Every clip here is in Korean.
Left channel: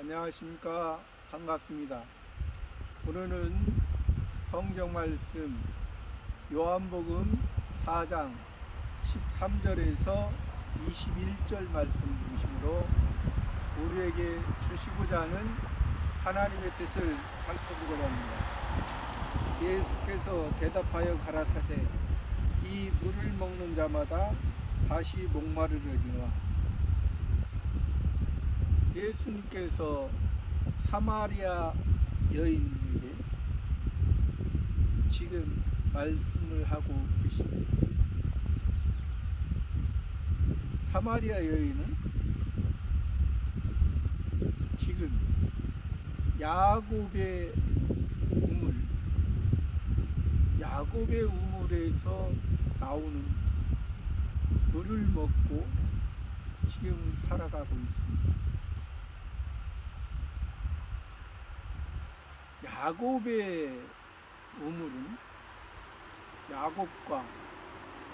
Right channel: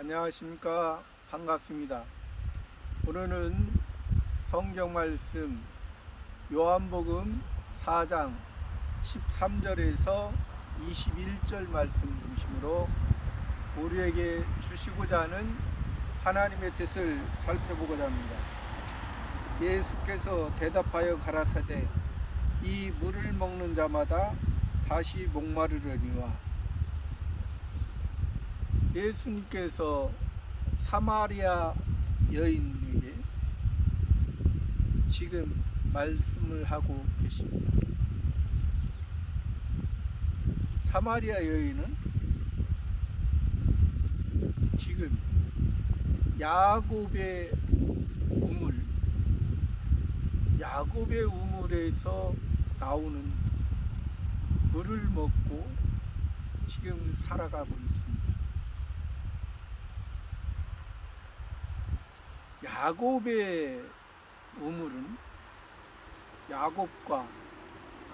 안녕하십니까. 반갑습니다. 오늘은 성경 말씀 요한복음 4장 13절에서 21절 말씀 중심으로 우리에게 주시고자 하는 하나님의 뜻을 살펴보고자 합니다. 예수께서 대답하여 가라사대 이 물을 먹는 자마다 다시 목마르려니와. 예수님께서 사마리아 여인에게 지금 말씀을 하고 계십니다. 사마리아 여인은 지금 야곱의 우물에서 나오는 물을 먹고 지금 살아가고 있습니다. 야곱의 우물은 야곱과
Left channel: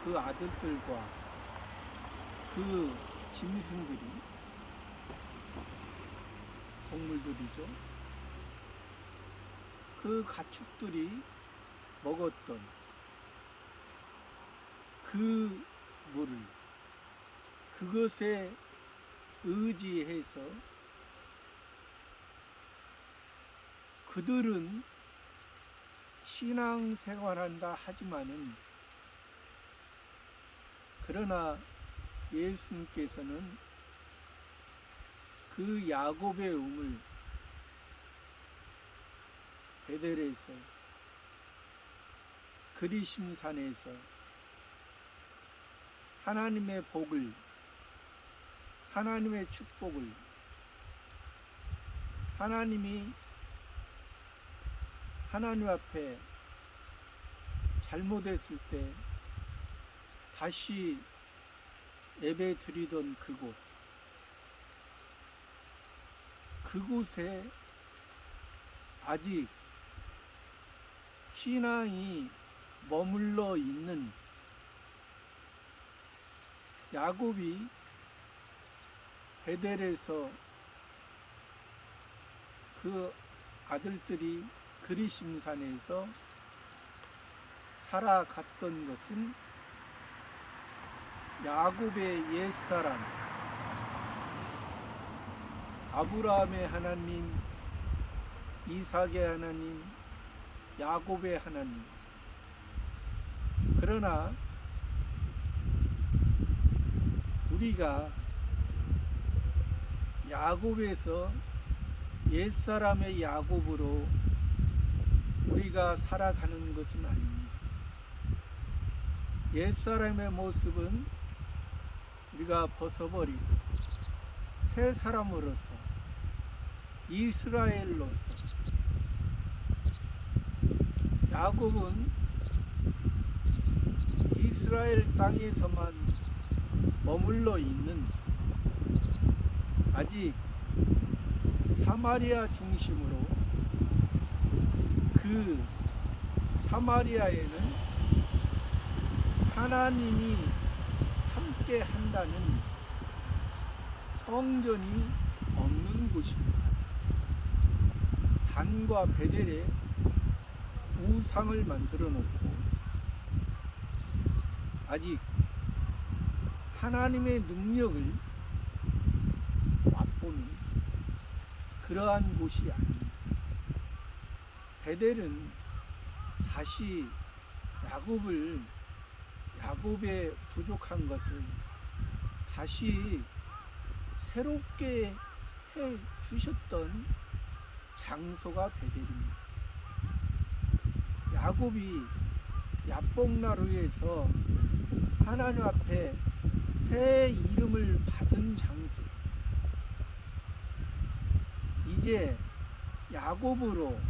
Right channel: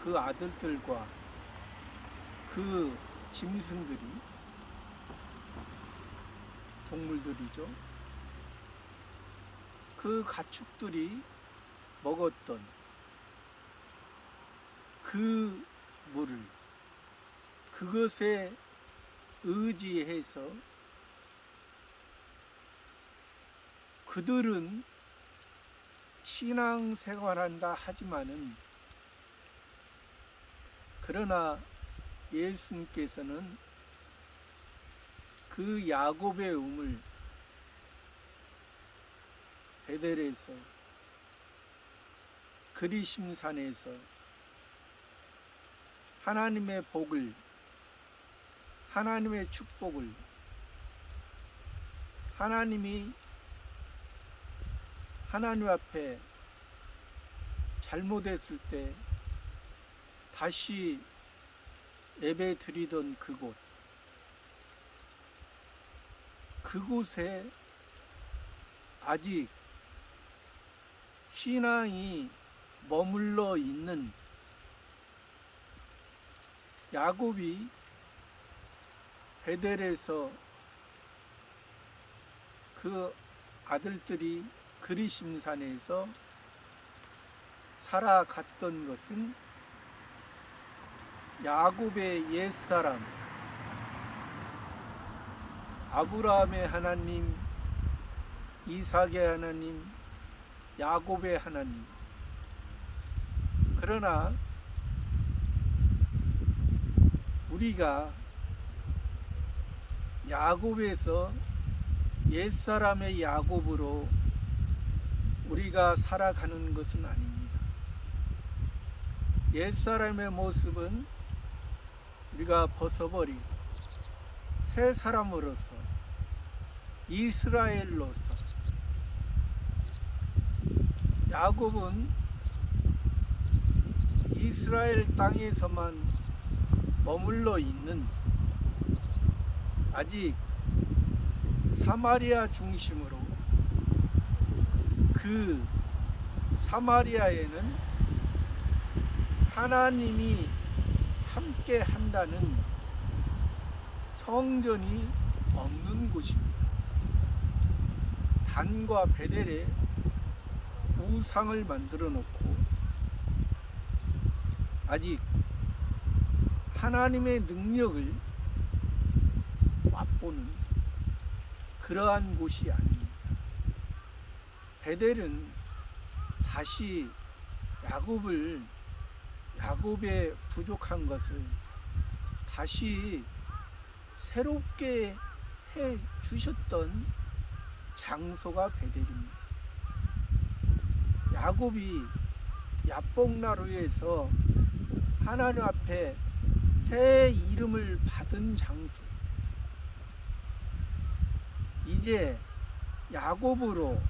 그 아들들과 그 짐승들이, 동물들이죠. 그 가축들이 먹었던 그 물을, 그것에 의지해서 그들은 신앙생활한다 하지만은, 그러나 예수님께서는 그 야곱의 우물 베델에서, 그리심산에서 하나님의 복을, 하나님의 축복을, 하나님 앞에 잘못했을 때 다시 예배 드리던 그곳에 아직 신앙이 머물러 있는 야곱이 베델에서 그 아들들이 그리심산에서 살아갔던 것은 야곱의 옛사람, 아브라함의 하나님, 이삭의 하나님, 야곱의 하나님. 그러나 우리가 야곱에서, 옛사람의 야곱으로 우리가 살아가는 것은 아닙니다. 옛사람의 모습은 우리가 벗어버리고 새 사람으로서, 이스라엘로서, 야곱은 이스라엘 땅에서만 머물러 있는, 아직 사마리아 중심으로, 그 사마리아에는 하나님이 함께 한다는 성전이 없는 곳입니다. 단과 베델에 우상을 만들어 놓고 아직 하나님의 능력을 맛보는 그러한 곳이 아닙니다. 베델은 다시 야곱의 부족한 것을 다시 새롭게 해 주셨던 장소가 베델입니다. 야곱이 야복나루에서 하나님 앞에 새 이름을 받은 장소, 이제 야곱으로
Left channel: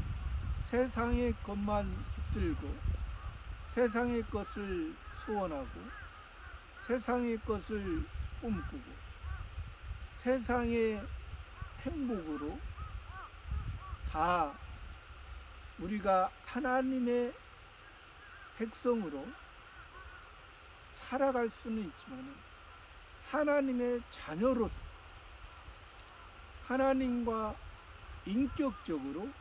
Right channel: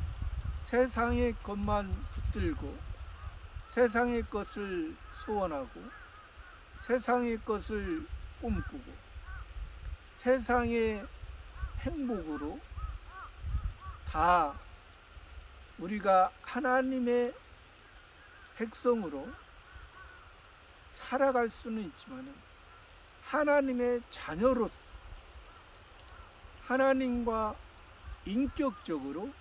세상의 것만 붙들고 세상의 것을 소원하고 세상의 것을 꿈꾸고 세상의 행복으로 다 우리가 하나님의 백성으로 살아갈 수는 있지만 하나님의 자녀로서 하나님과 인격적으로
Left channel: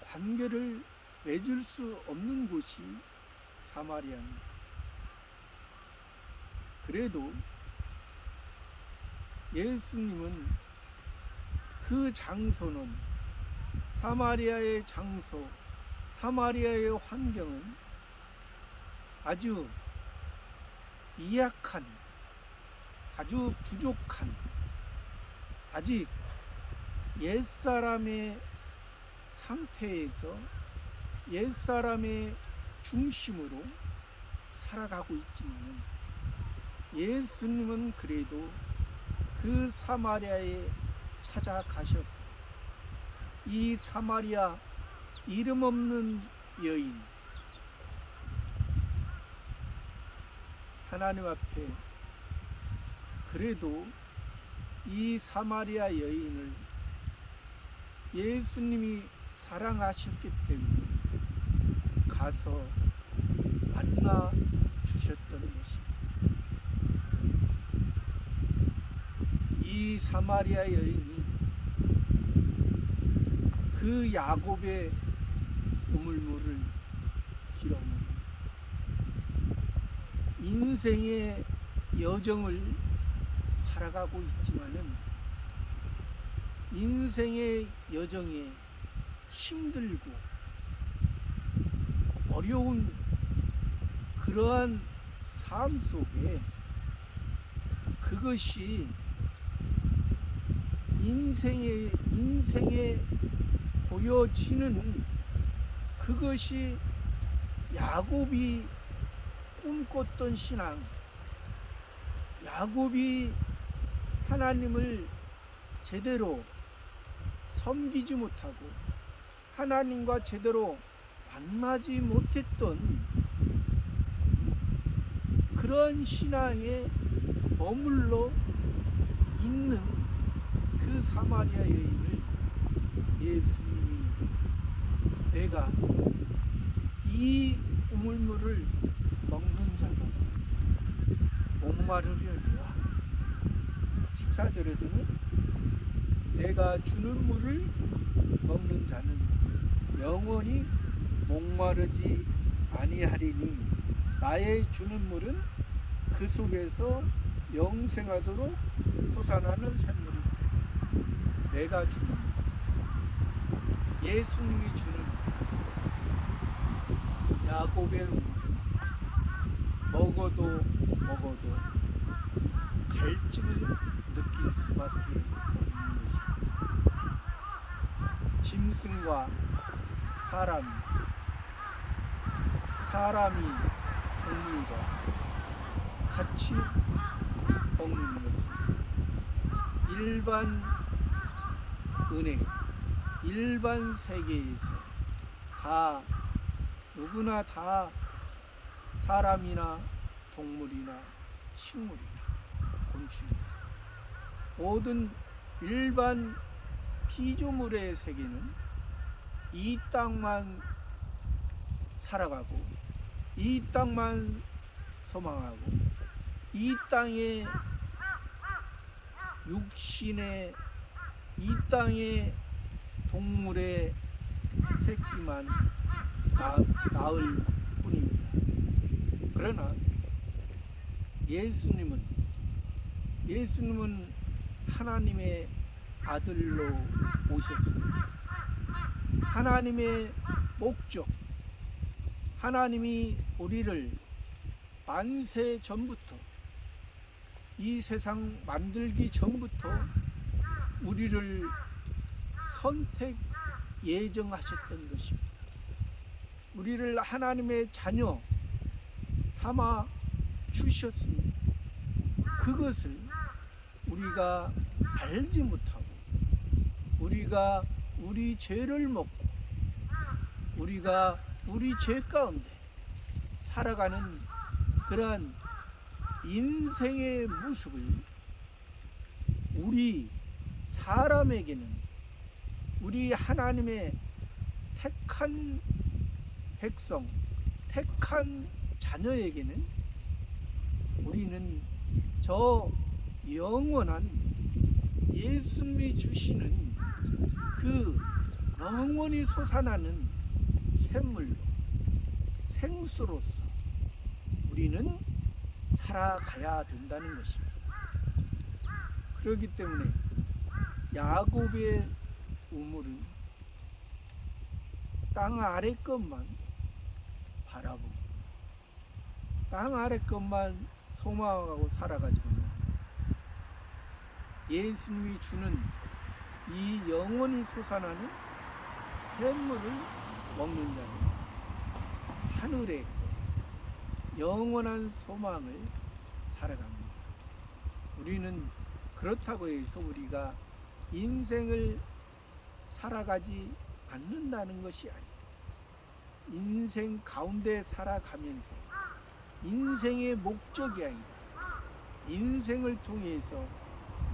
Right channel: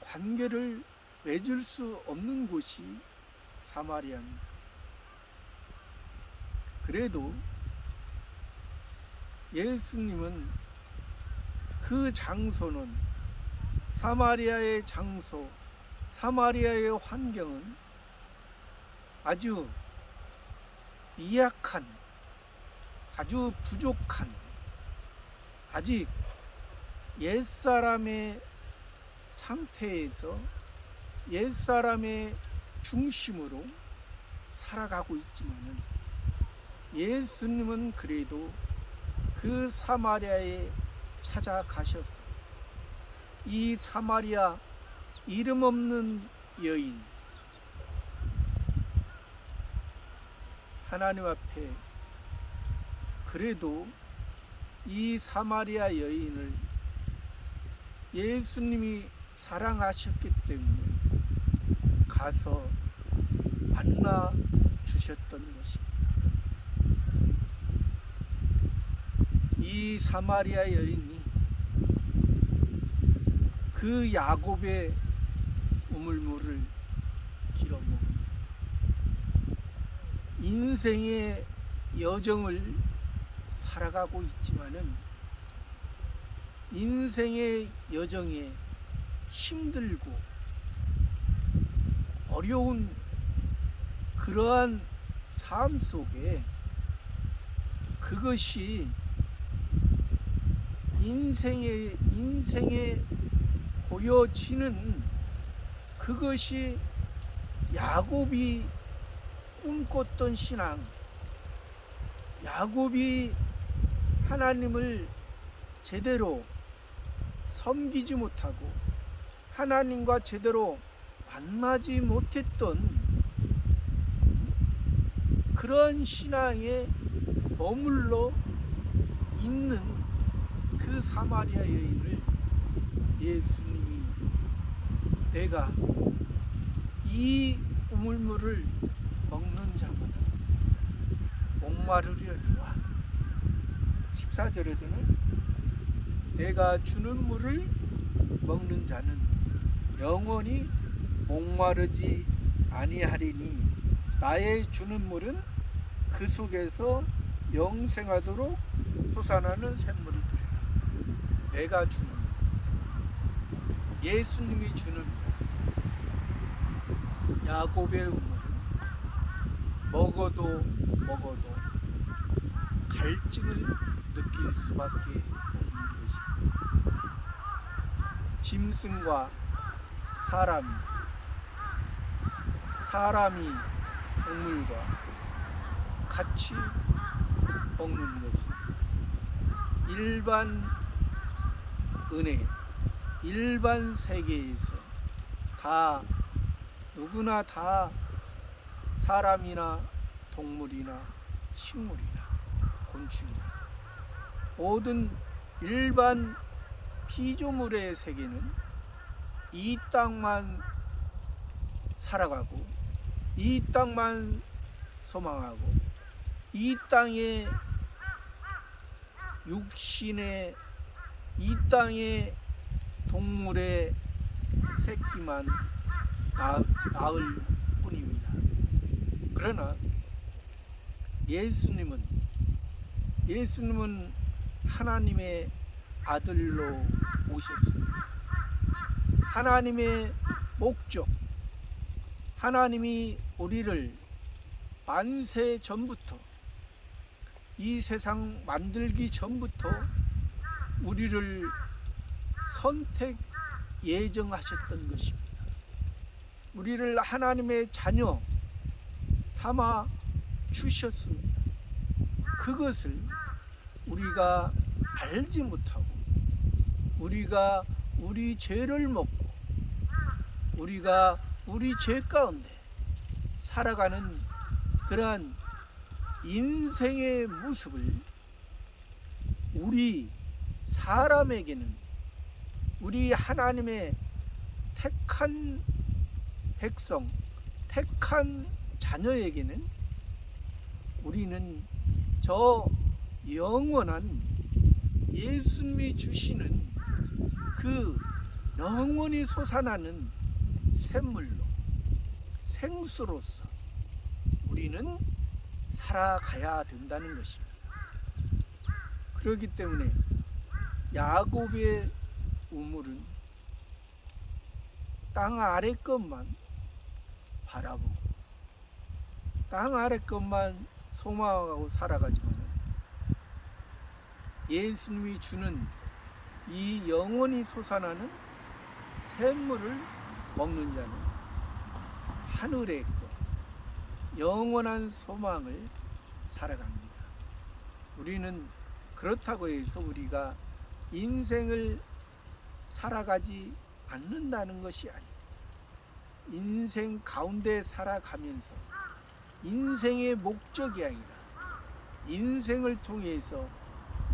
관계를 맺을 수 없는 곳이 사마리아입니다. 그래도 예수님은 그 장소는, 사마리아의 장소, 사마리아의 환경은 아주 미약한, 아주 부족한, 아직 옛사람의 상태에서 옛사람의 중심으로 살아가고 있지만은, 예수님은 그래도 그 사마리아에 찾아가셨어요. 이 사마리아 이름 없는 여인, 하나님 앞에 그래도 이 사마리아 여인을 예수님이 사랑하셨기 때문에 가서 만나 주셨던 것입니다. 이 사마리아 여인이 그 야곱의 우물물을 길어먹으며 인생의 여정을 살아가고 있지만은, 인생의 여정에 힘들고 어려운 그러한 삶 속에 그것이 인생에 보여지는, 그것이 야곱이 꿈꿨던 신앙, 야곱이 하나님을 제대로 섬기지 못하고 하나님과 제대로 만나지 못했던 그런 신앙에 머물러 있는 그 사마리아 여인을 예수님이 내가 이 우물물을 먹는 자마다 목마르려니와, 14절에서는 내가 주는 물을 먹는 자는 영원히 목마르지 아니하리니 나의 주는 물은 그 속에서 영생하도록 솟아나는 샘물이 되리라. 내가 주는 물, 예수님이 주는 물, 야곱의 우물은 먹어도 갈증을 느낄 수밖에 없는 것입니다. 짐승과 사람이 동물과 같이 먹는 것은 일반 은혜, 일반 세계에서 다 누구나 다 사람이나 동물이나 식물이나 곤충이나 모든 일반 피조물의 세계는 이 땅만 살아가고 이 땅만 소망하고 이 땅의 육신의, 이 땅의 동물의 새끼만 낳을 뿐입니다. 그러나 예수님은 하나님의 아들로 오셨습니다. 하나님의 목적, 하나님이 우리를 만세 전부터, 이 세상 만들기 전부터 우리를 선택 예정하셨던 것입니다. 우리를 하나님의 자녀 삼아 주셨습니다. 그것을 우리가 알지 못하고 우리가 우리 죄를 먹고 우리가 우리 죄 가운데 살아가는 그러한 인생의 모습을 우리 사람에게는, 우리 하나님의 택한 백성, 택한 자녀에게는 우리는 저 영원한 예수님이 주시는 그 영원히 솟아나는 샘물로, 생수로서 우리는 살아가야 된다는 것입니다. 그렇기 때문에 야곱의 우물은 땅 아래 것만 바라보고 땅 아래 것만 소망하고 살아가지고는 예수님이 주는 이 영원히 솟아나는 샘물을 먹는 자는 하늘의 것, 영원한 소망을 살아갑니다. 우리는 그렇다고 해서 우리가 인생을 살아가지 않는다는 것이 아니에요. 인생 가운데 살아가면서 인생의 목적이 아니라 인생을 통해서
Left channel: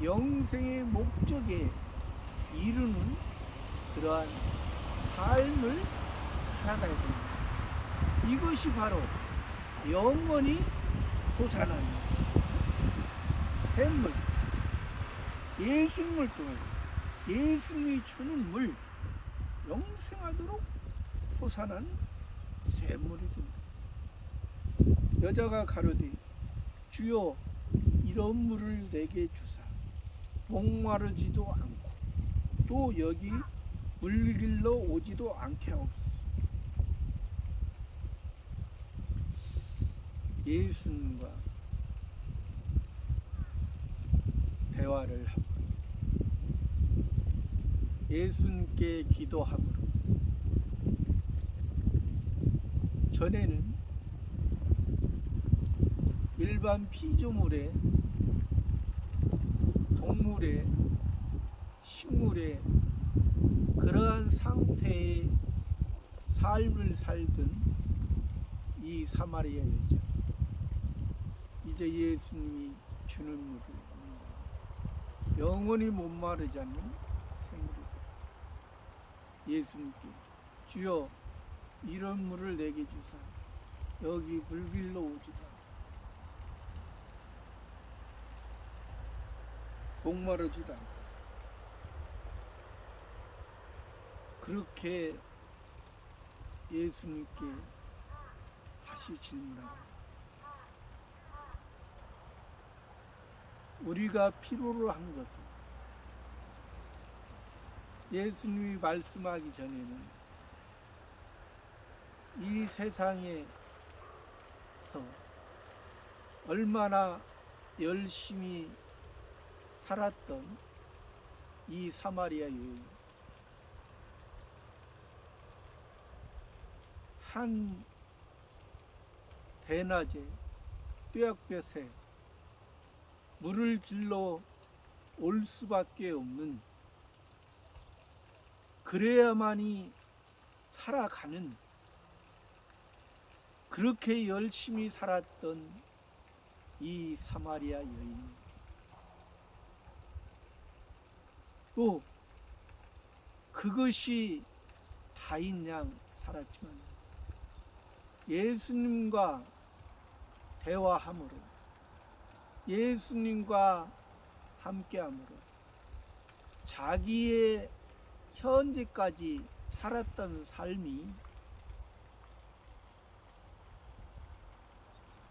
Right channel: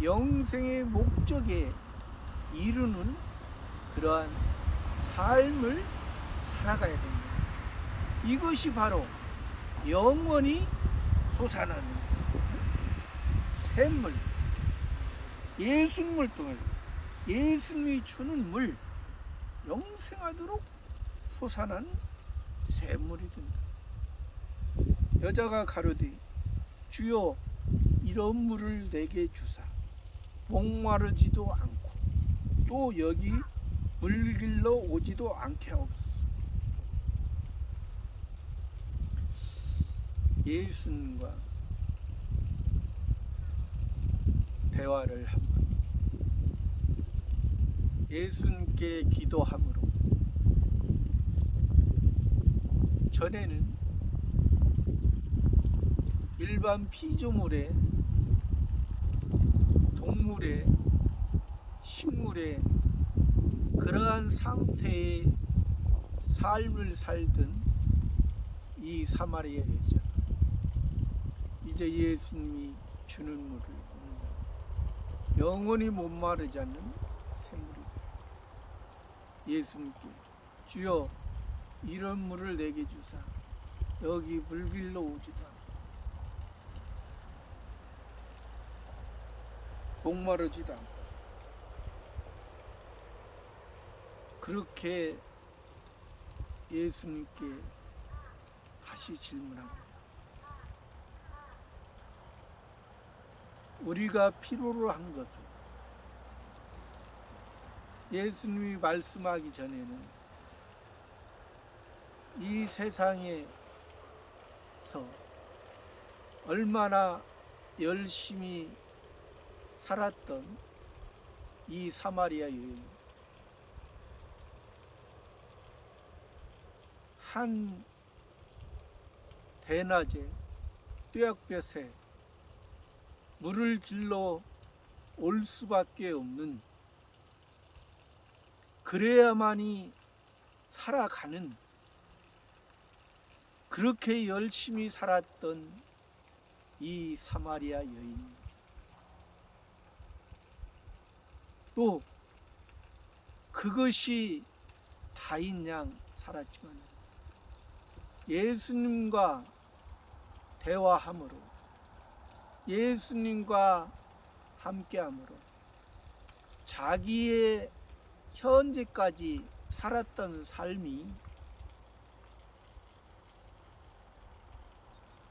영생의 목적에 이루는 그러한 삶을 살아가야 됩니다. 이것이 바로 영원히 솟아나는 샘물, 예수님을 통해 예수님이 주는 물, 영생하도록 솟아나는 샘물이 된다. 여자가 가로되 주여 이런 물을 내게 주사 목마르지도 않고 또 여기 물길러 오지도 않게 하옵소서. 예수님과 대화를 합니다. 예수님께 기도함으로 전에는 일반 피조물의 동물의 식물의 그러한 상태의 삶을 살던 이 사마리아 여자, 이제 예수님이 주는 물을 먹는다. 영원히 목마르지 않는 샘물이 예수님께 주여 이런 물을 내게 주사 여기 물길로 오지도 않고 목마르지도 않고 그렇게 예수님께 다시 질문합니다. 우리가 필요로 한 것은 예수님이 말씀하기 전에는 이 세상에서 얼마나 열심히 살았던 이 사마리아 여인, 한 대낮에 뙤약볕에 물을 길러 올 수밖에 없는, 그래야만이 살아가는, 그렇게 열심히 살았던 이 사마리아 여인, 또 그것이 다인 양 살았지만 예수님과 대화함으로 예수님과 함께함으로 자기의 현재까지 살았던 삶이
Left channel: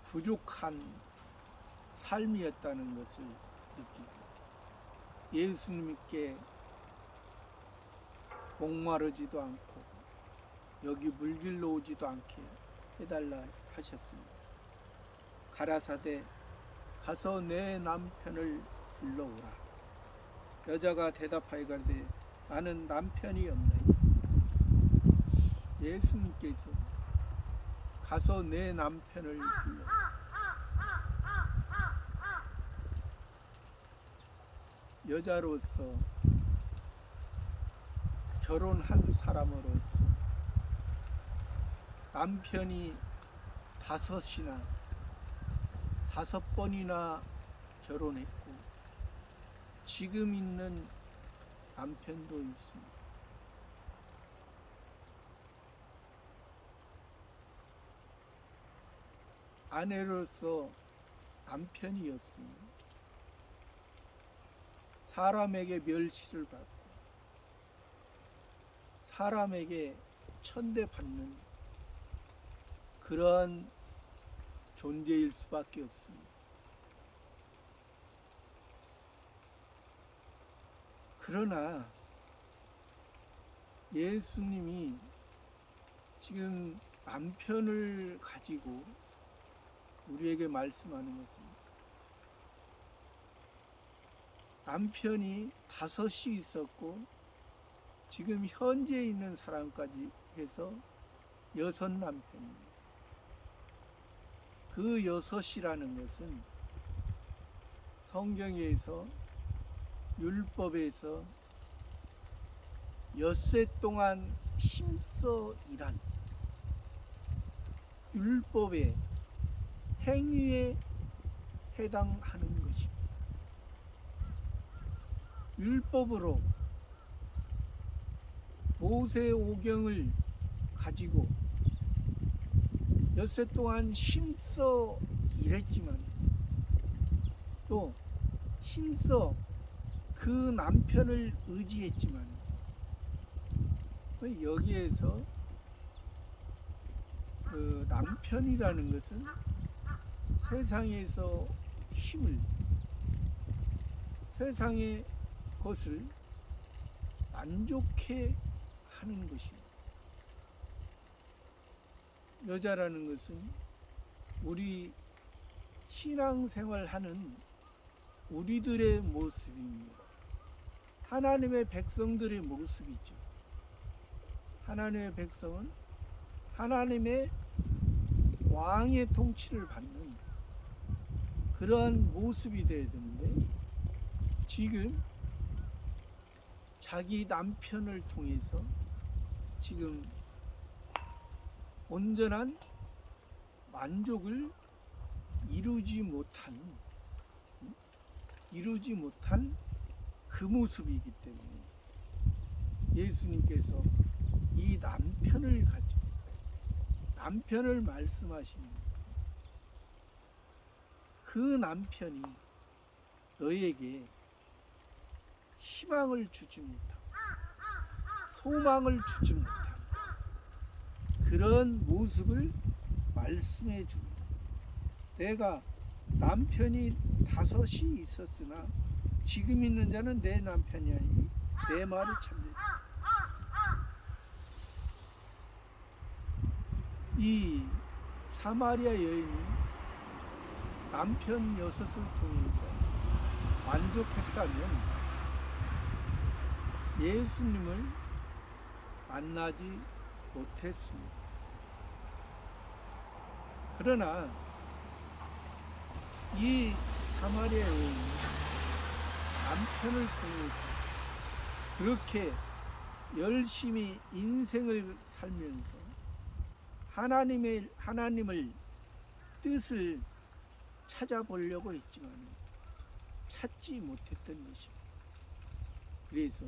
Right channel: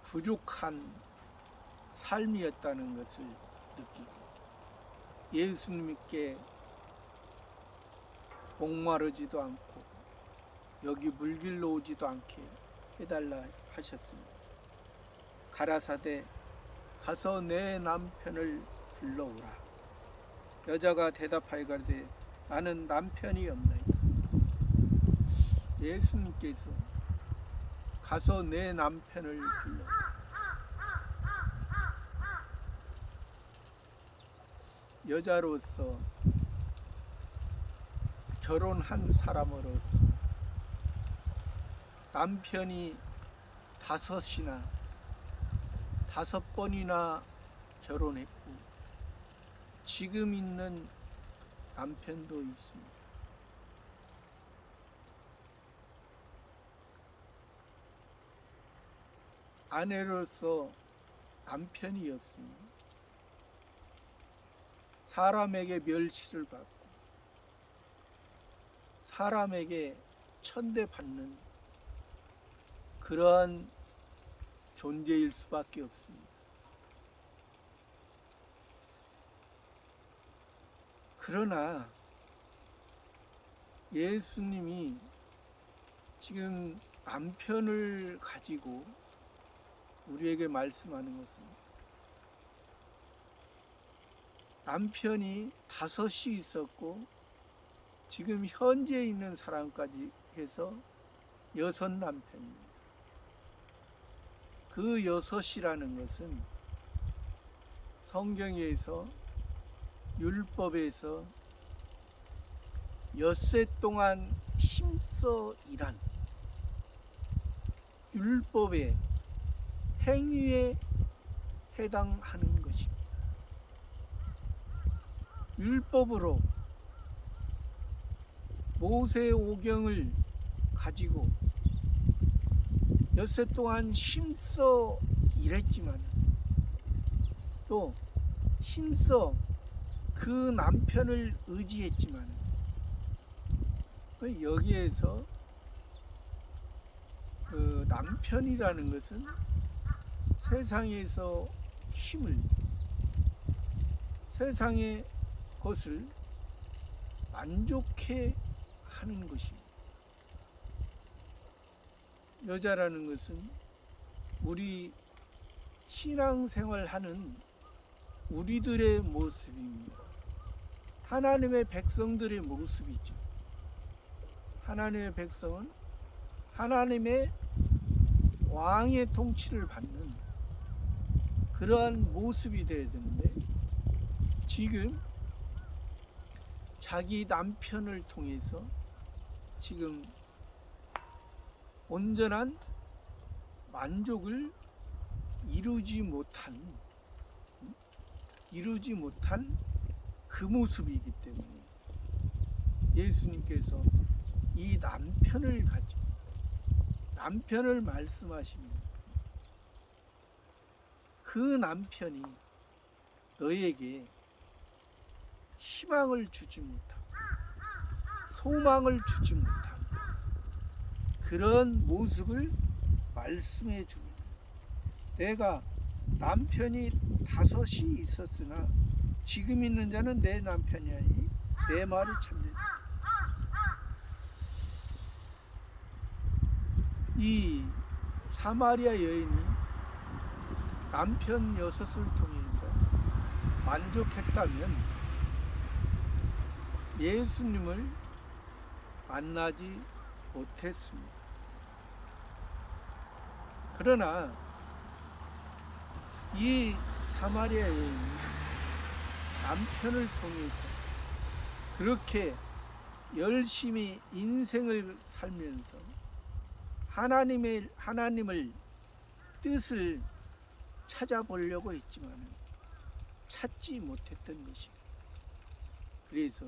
부족한 삶이었다는 것을 느끼고 예수님께 목마르지도 않고 여기 물길로 오지도 않게 해달라 하셨습니다. 가라사대 가서 내 남편을 불러오라. 여자가 대답하여 가로되 나는 남편이 없나이다. 예수님께서 가서 내 남편을 불러오라. 여자로서 결혼한 사람으로서 남편이 5번이나 결혼했고 지금 있는 남편도 있습니다. 아내로서 남편이 없으면 사람에게 멸시를 받고 사람에게 천대받는 그러한 존재일 수밖에 없습니다. 그러나 예수님이 지금 남편을 가지고 우리에게 말씀하는 것은 남편이 5이 있었고 지금 현재 있는 사람까지 해서 6 남편입니다. 그 6이라는 것은 성경에서 율법에서 엿새 동안 힘써 일한 율법의 행위에 해당하는 것입니다. 율법으로 모세 오경을 가지고 엿새 동안 힘써 일했지만 또 힘써 그 남편을 의지했지만 여기에서 그 남편이라는 것은 세상에서 힘을 세상의 것을 만족해 하는 것입니다. 여자라는 것은 우리 신앙생활하는 우리들의 모습입니다. 하나님의 백성들의 모습이죠. 하나님의 백성은 하나님의 왕의 통치를 받는 그러한 모습이 되어야 되는데 지금 자기 남편을 통해서 지금 온전한 만족을 이루지 못한 그 모습이기 때문에 예수님께서 이 남편을 가지고 남편을 말씀하시는 그 남편이 너에게 희망을 주지 못하고 소망을 주지 못한 그런 모습을 말씀해 주고 내가 남편이 5이 있었으나 지금 있는 자는 내 남편이 아니니 내 말이 참되다. 이 사마리아 여인이 남편 6을 통해서 만족했다면 예수님을 만나지 못했습니다. 그러나 이 사마리아 여인이 남편을 통해서 그렇게 열심히 인생을 살면서 하나님을 뜻을 찾아보려고 했지만 찾지 못했던 것입니다. 그래서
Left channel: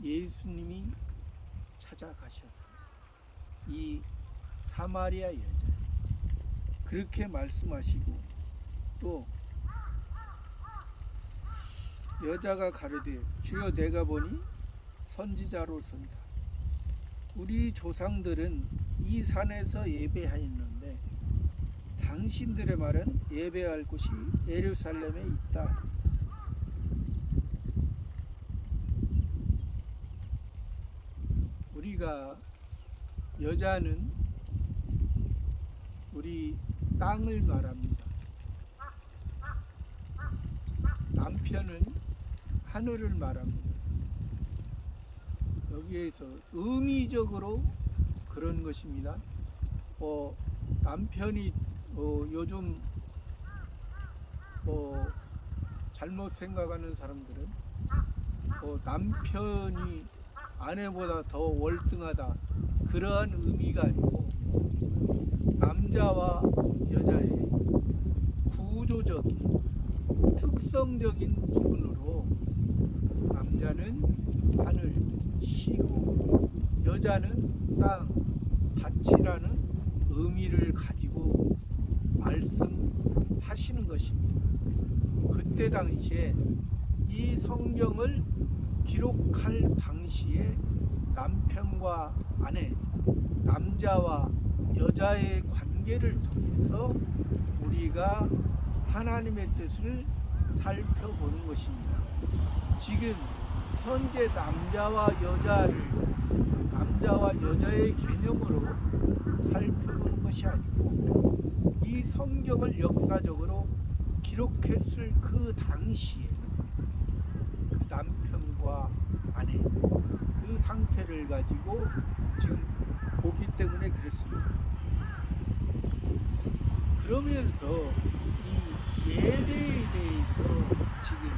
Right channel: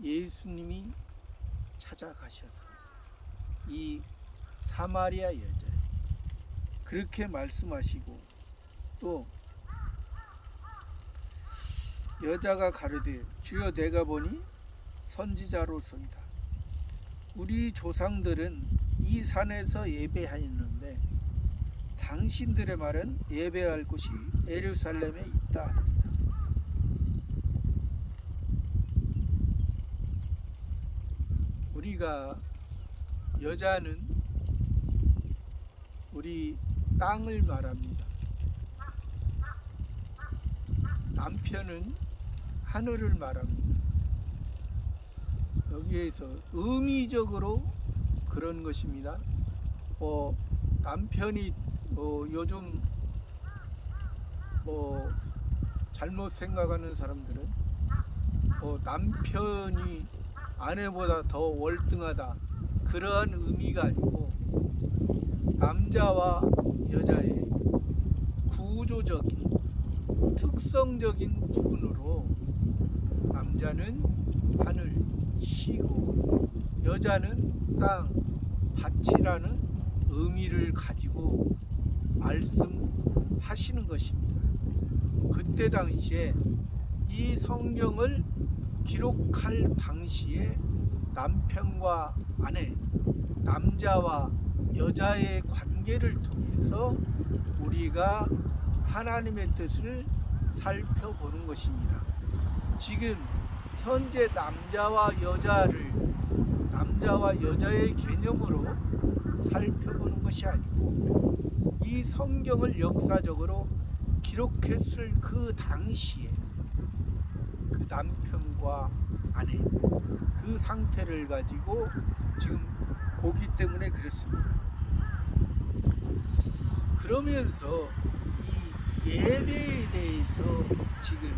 예수님이 찾아가셔서 이 사마리아 여자 그렇게 말씀하시고 또 여자가 가로되 주여 내가 보니 선지자로소이다. 우리 조상들은 이 산에서 예배하였는데 당신들의 말은 예배할 곳이 예루살렘에 있다 하더이다. 우리가 여자는 우리 땅을 말합니다. 남편은 하늘을 말합니다. 여기에서 의미적으로 그런 것입니다. 남편이 요즘 잘못 생각하는 사람들은 남편이 아내보다 더 월등하다 그러한 의미가 아니고 남자와 여자의 구조적인 특성적인 부분으로 남자는 하늘 시고 여자는 땅 밭이라는 의미를 가지고 말씀하시는 것입니다. 그때 당시에 이 성경을 기록할 당시에 남편과 아내, 남자와 여자의 관계를 통해서 우리가 하나님의 뜻을 살펴보는 것입니다. 지금 현재 남자와 여자의 개념으로 살펴보는 것이 아니고 이 성경을 역사적으로 기록했을 그 당시에 그 남편과 아내 그 상태를 가지고 지금 보기 때문에 그렇습니다. 그러면서 이 예배에 대해서 지금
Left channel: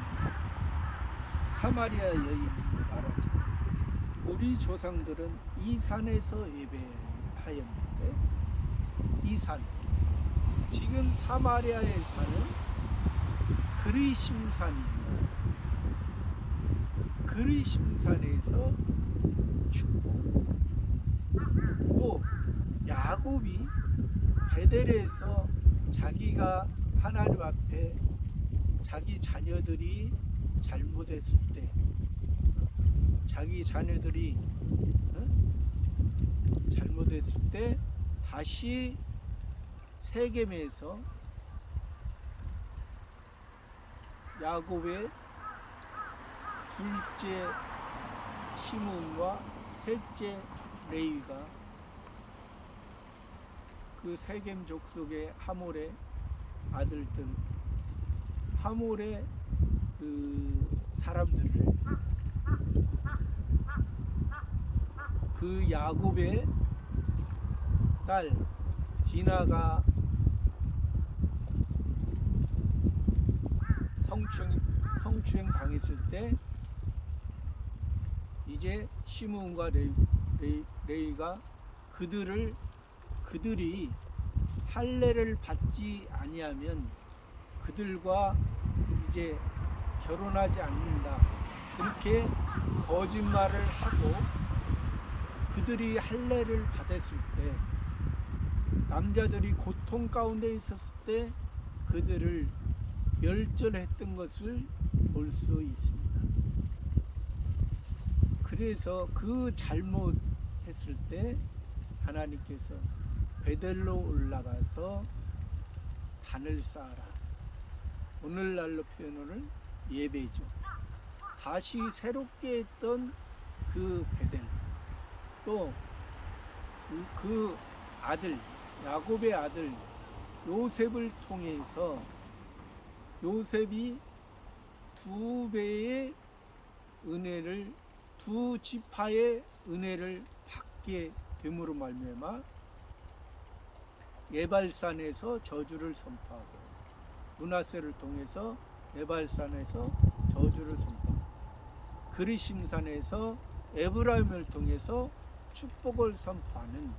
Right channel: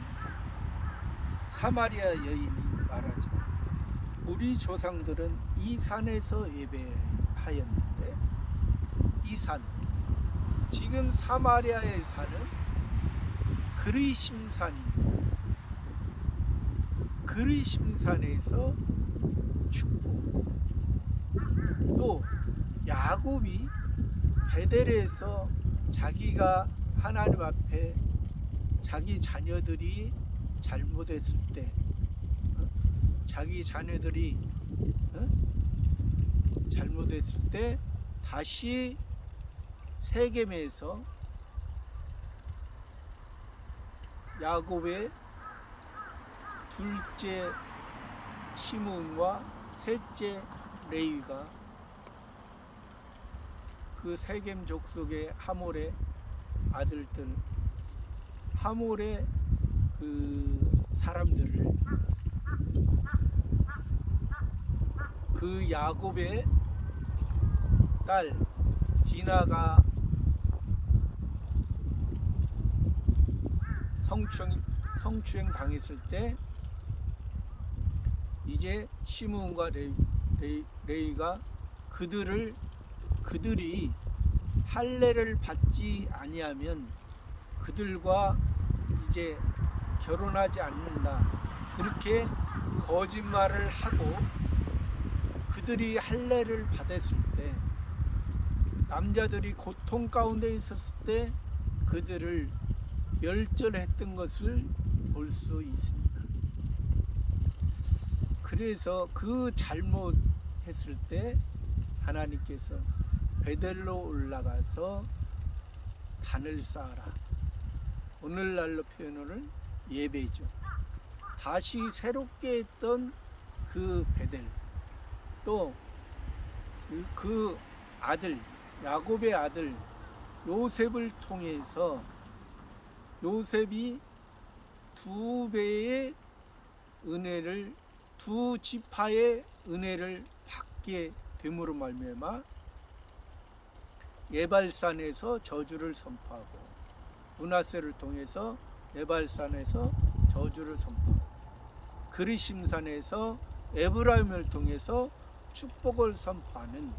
사마리아 여인이 말하죠. 우리 조상들은 이 산에서 예배하였는데 이 산, 지금 사마리아의 산은 그리심산입니다. 그리심산에서 축복. 또 야곱이 베델에서 자기가 하나님 앞에 자기 자녀들이 잘못했을 때, 자기 자녀들이 잘못했을 때 다시 세겜에서 야곱의 둘째 시므온과 셋째 레위가 그 세겜 족속의 하몰의 아들들, 하몰의 그 사람들을 그 야곱의 딸 디나가 성추행 당했을 때 이제 시므온과 레위가 그들이 할례를 받지 아니하면 그들과 이제 결혼하지 않는다, 그렇게 거짓말을 하고 그들이 할례를 받았을 때 남자들이 고통 가운데 있었을 때 그들을 멸절했던 것을 볼 수 있습니다. 그래서 그 잘못했을 때 하나님께서 베델로 올라가서 단을 쌓아라. 오늘날로 표현을 예배죠. 다시 새롭게 했던 그 베델, 또 그 아들, 야곱의 아들 요셉을 통해서 요셉이 두 배의 은혜를, 두 지파의 은혜를 받게 됨으로 말미암아 에발산에서 저주를 선포하고, 므낫세를 통해서 에발산에서 저주를 선포하고, 그리심산에서 에브라임을 통해서 축복을 선포하는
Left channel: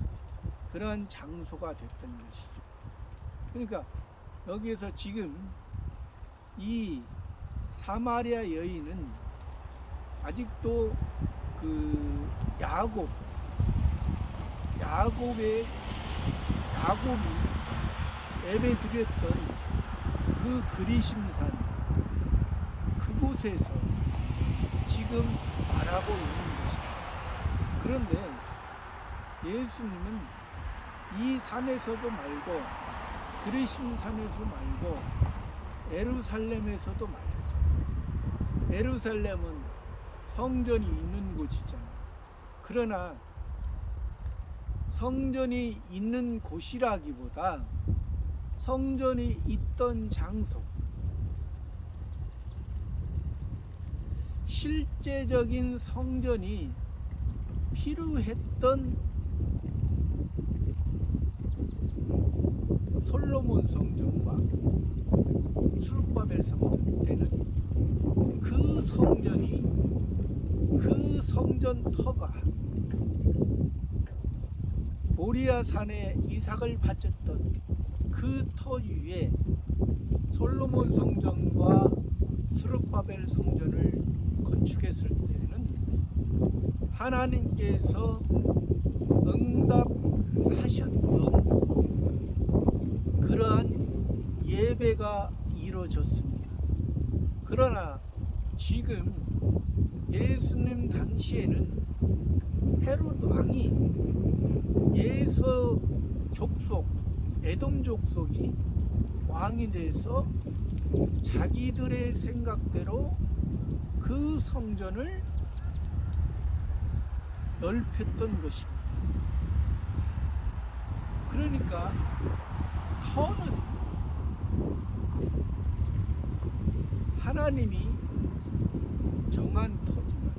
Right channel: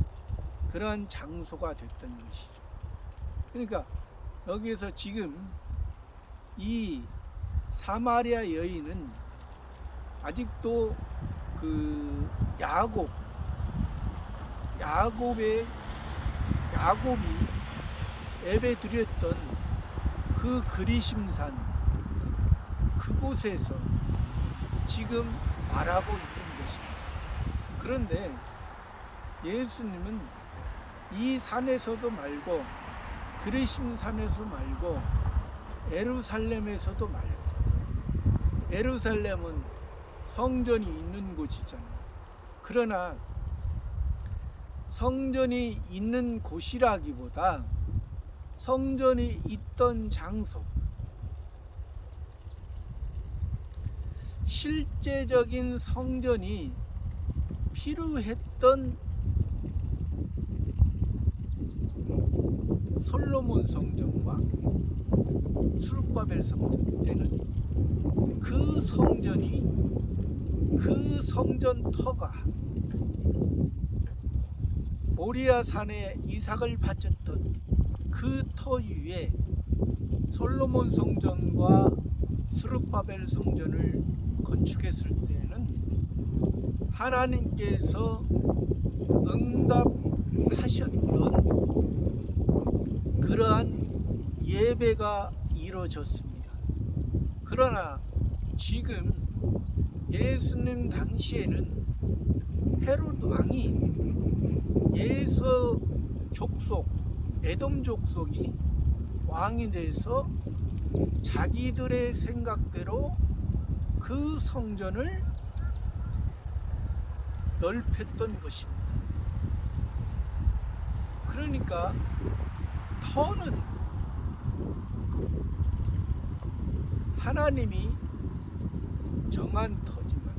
그러한 장소가 됐던 것이죠. 그러니까 여기에서 지금 이 사마리아 여인은 아직도 그 야곱이 예배 드렸던 그 그리심산, 그곳에서 지금 말하고 있는 것입니다. 그런데 예수님은 이 산에서도 말고 그리심산에서 말고 예루살렘에서도 말고, 예루살렘은 성전이 있는 곳이잖아요. 그러나 성전이 있는 곳이라기보다 성전이 있던 장소, 실제적인 성전이 필요했던 솔로몬 성전과 수르바벨 성전 때는 그 성전이, 그 성전터가 모리아 산에 이삭을 바쳤던 그 터 위에 솔로몬 성전과 수르바벨 성전을 건축했을 때는 하나님께서 응답하셨던 그러한 예배가 이루어졌습니다. 그러나 지금 예수님 당시에는 헤롯 왕이 예서 족속, 에돔 족속이 왕이 돼서 자기들의 생각대로 그 성전을 넓혔던 것입니다. 그러니까 터는 하나님이 정한 터지만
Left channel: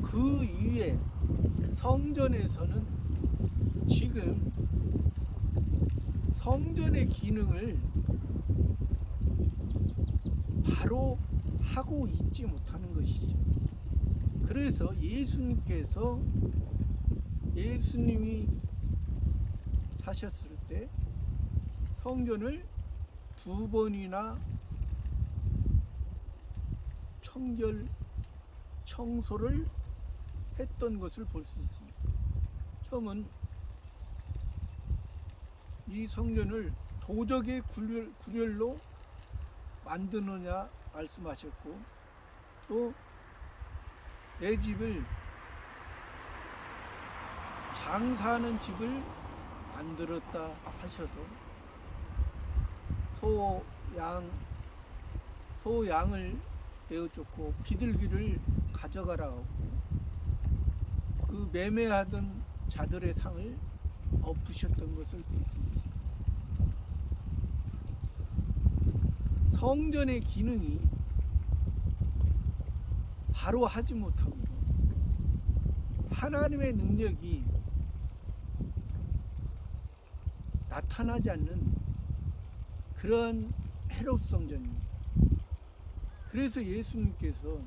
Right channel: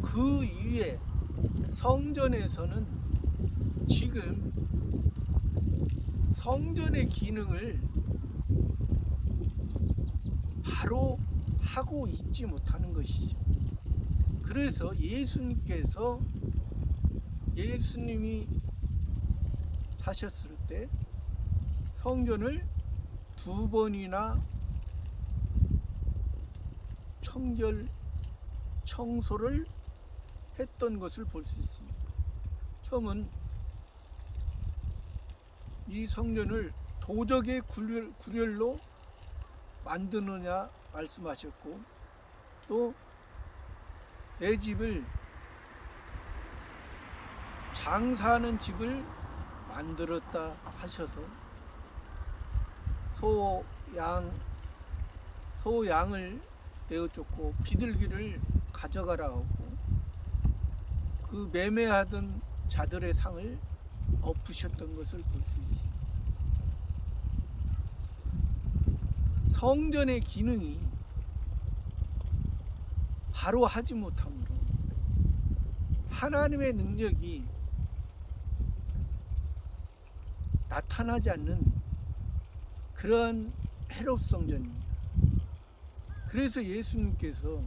그 위에 성전에서는 지금 성전의 기능을 바로 하고 있지 못하는 것이죠. 그래서 예수님이 사셨을 때 성전을 2번이나 청소를 했던 것을 볼 수 있습니다. 처음은 이 성전을 도적의 구렬로 만드느냐 말씀하셨고, 또 내 집을 장사하는 집을 만들었다 하셔서 소양을 내어쫓고 비둘기를 가져가라 하고 그 매매하던 자들의 상을 엎으셨던 것을 볼 수 있습니다. 성전의 기능이 바로 하지 못하므로 하나님의 능력이 나타나지 않는 그런 헤롯 성전입니다. 그래서 예수님께서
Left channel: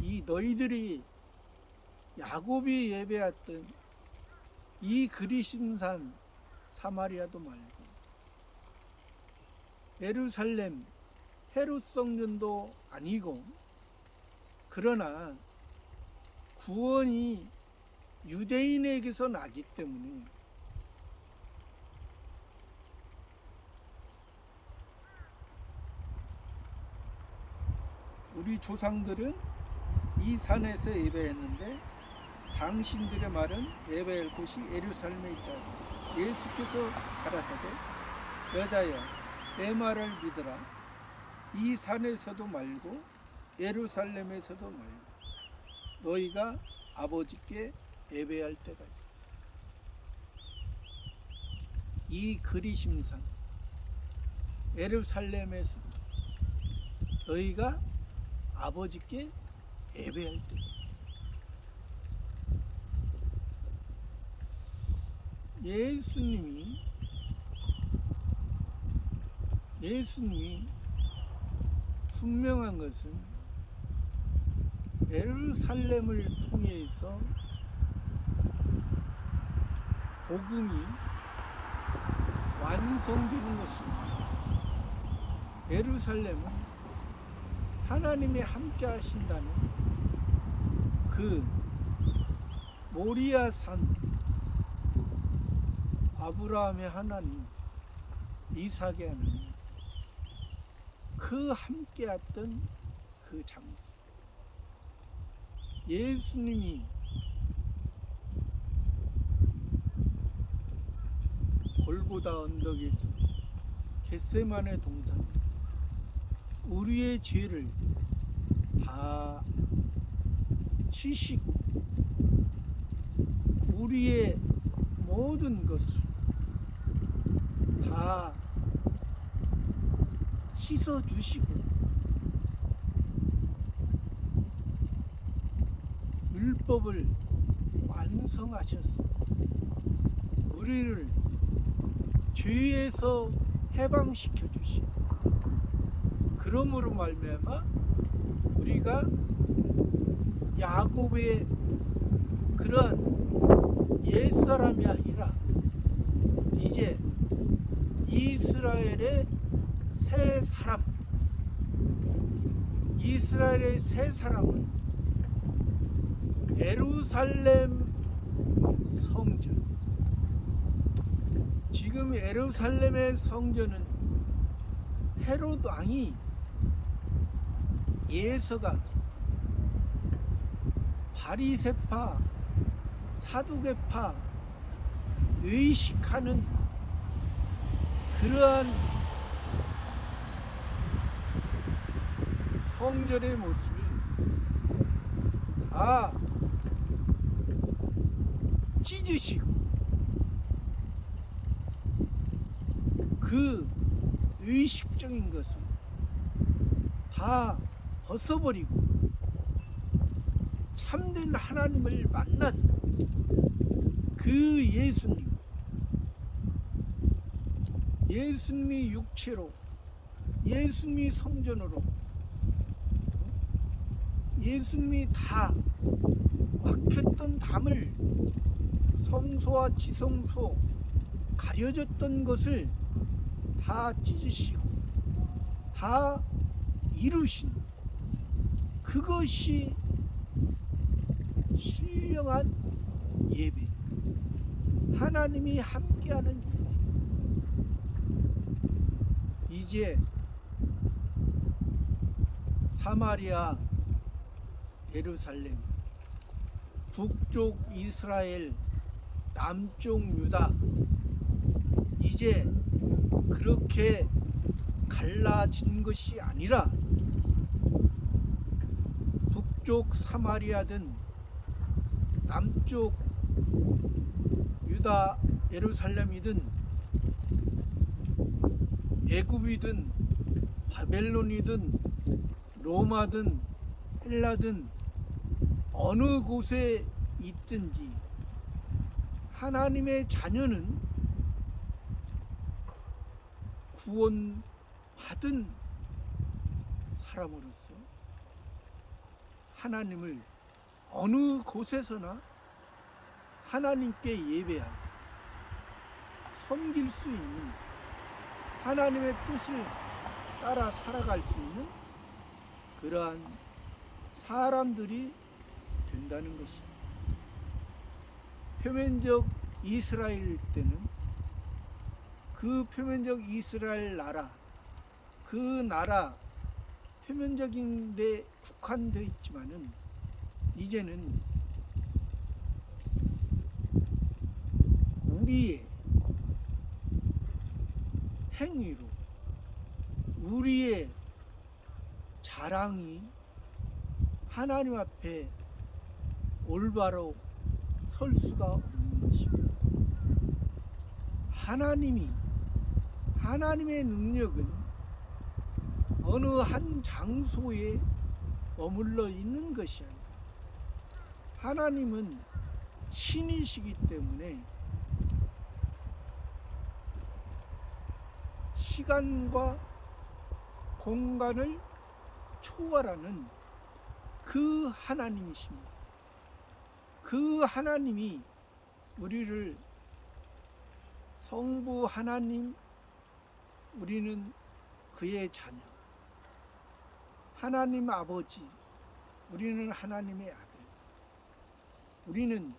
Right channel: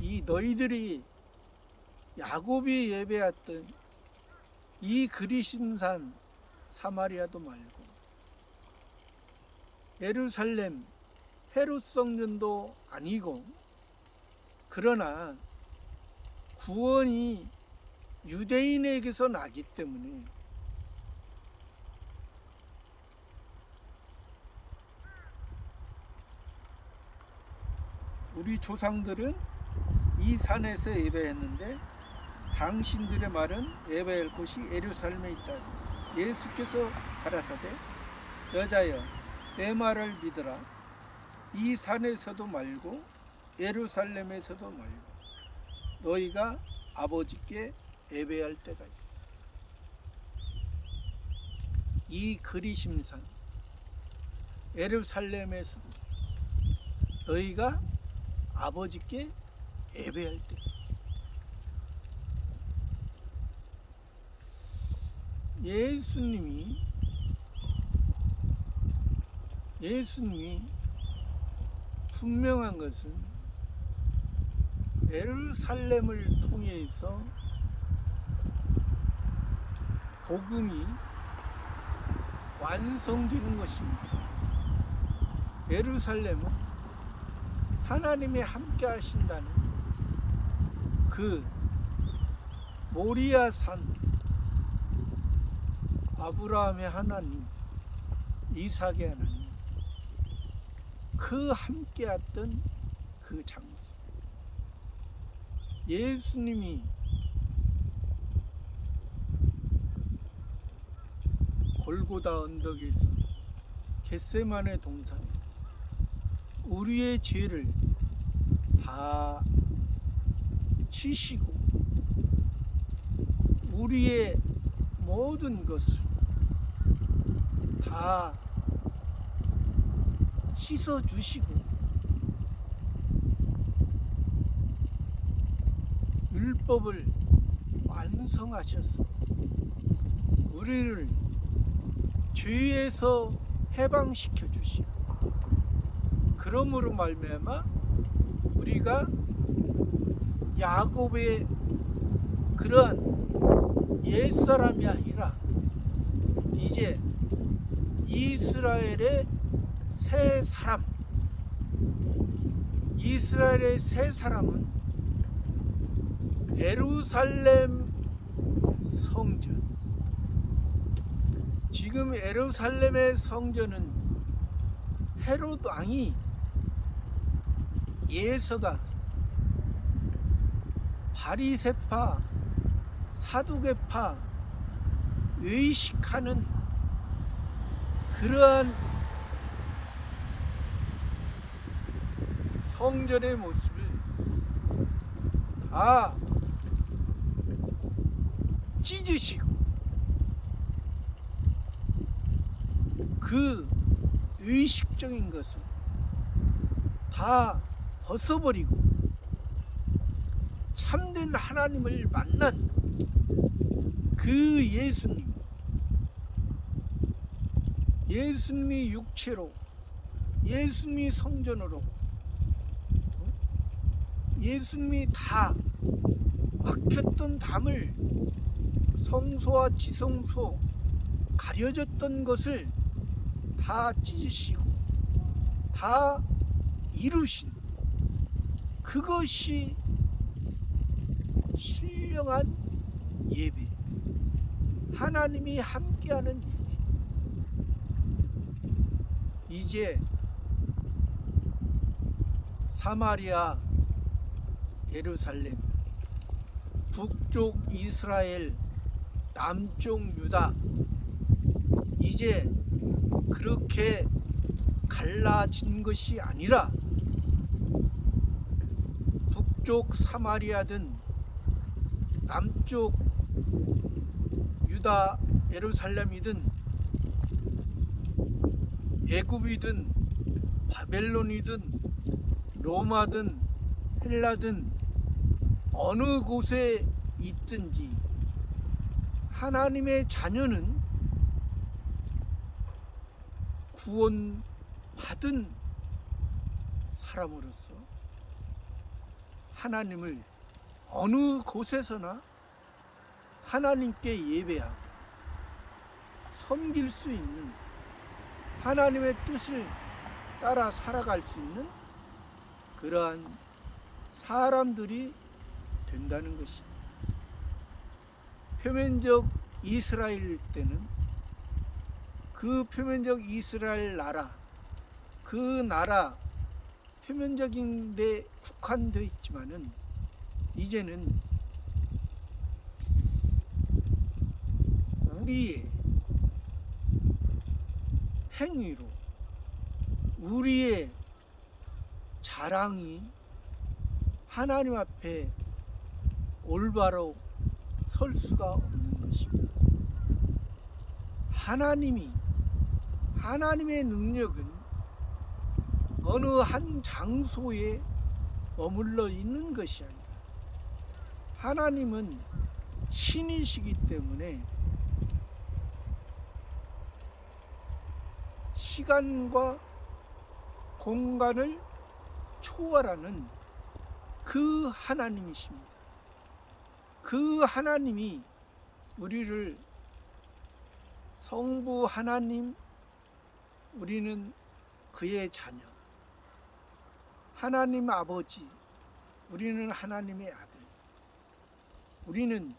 이 너희들이 야곱이 예배했던 이 그리심산 사마리아도 말고 예루살렘 헤롯 성전도 아니고, 그러나 구원이 유대인에게서 나기 때문에 우리 조상들은 이 산에서 예배했는데 당신들의 말은 예배할 곳이 예루살렘에 있다. 예수께서 가라사대 여자여 내 말을 믿으라. 이 산에서도 말고 예루살렘에서도 말고 너희가 아버지께 예배할 때가 있다. 이 그리심산 예루살렘에서도 너희가 아버지께 예배할 때, 예수님이 분명한 것은 예루살렘을 통해서 복음이 완성되는 것입니다. 예루살렘은 하나님이 함께 하신다는 그 모리아 산, 아브라함의 하나님, 이삭의 하나님, 그 함께 했던 그 장소, 예수님이 골고다 언덕에서 겟세마네 동산에서 우리의 죄를 다 치시고 우리의 모든 것을 다 씻어주시고 율법을 완성하셔서 우리를 죄에서 해방시켜 주시오. 그러므로 말미암아 우리가 야곱의 그러한 옛사람이 아니라 이제 이스라엘의 새 사람, 이스라엘의 새 사람은 예루살렘 성전, 지금 예루살렘의 성전은 헤롯 왕이 예서가 바리새파, 사두개파 의식하는 그러한 성전의 모습을 다 찢으시고 그 의식적인 것을 다 벗어버리고 참된 하나님을 만난 그 예수님이 육체로, 예수님이 성전으로, 예수님이 다 막혔던 담을, 성소와 지성소 가려졌던 것을 다 찢으시고 다 이루신 그것이 신령한 예배, 하나님이 함께하는 예배. 이제 사마리아, 예루살렘, 북쪽 이스라엘, 남쪽 유다, 이제 그렇게 갈라진 것이 아니라 북쪽 사마리아든 남쪽 유다 예루살렘이든 애굽이든 바벨론이든 로마든 헬라든 어느 곳에 있든지 하나님의 자녀는 구원받은 사람으로서 하나님을 어느 곳에서나 하나님께 예배하고 섬길 수 있는, 하나님의 뜻을 따라 살아갈 수 있는 그러한 사람들이 된다는 것입니다. 표면적 이스라엘 때는 그 표면적 이스라엘 나라, 그 나라 표면적인 데 국한되어 있지만은 이제는 우리의 행위로, 우리의 자랑이 하나님 앞에 올바로 설 수가 없는 것입니다. 하나님의 능력은 어느 한 장소에 머물러 있는 것이 아니라 하나님은 신이시기 때문에 시간과 공간을 초월하는 그 하나님이십니다. 그 하나님이 우리를 성부 하나님, 우리는 그의 자녀, 하나님 아버지, 우리는 하나님의 아들, 우리는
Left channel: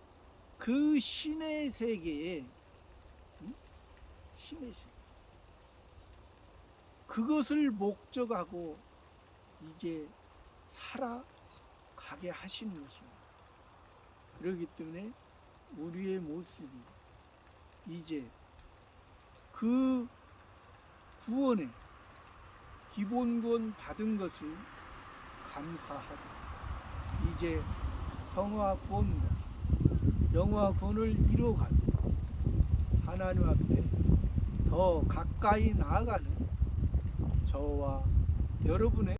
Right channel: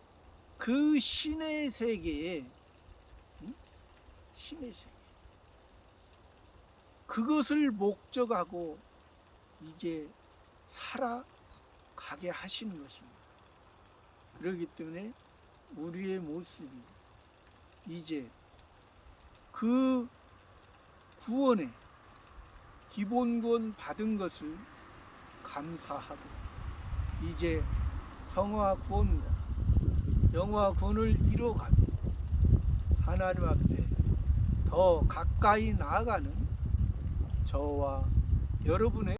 그 신의 세계에, 신의 세계, 그것을 목적하고 이제 살아가게 하시는 것입니다. 그렇기 때문에 우리의 모습이 이제 그 구원의 기본 구원 받은 것을 감사하고 이제 성화 구원과 영화 구원을 이뤄가며 하나님 앞에 더 가까이 나아가는 저와 여러분의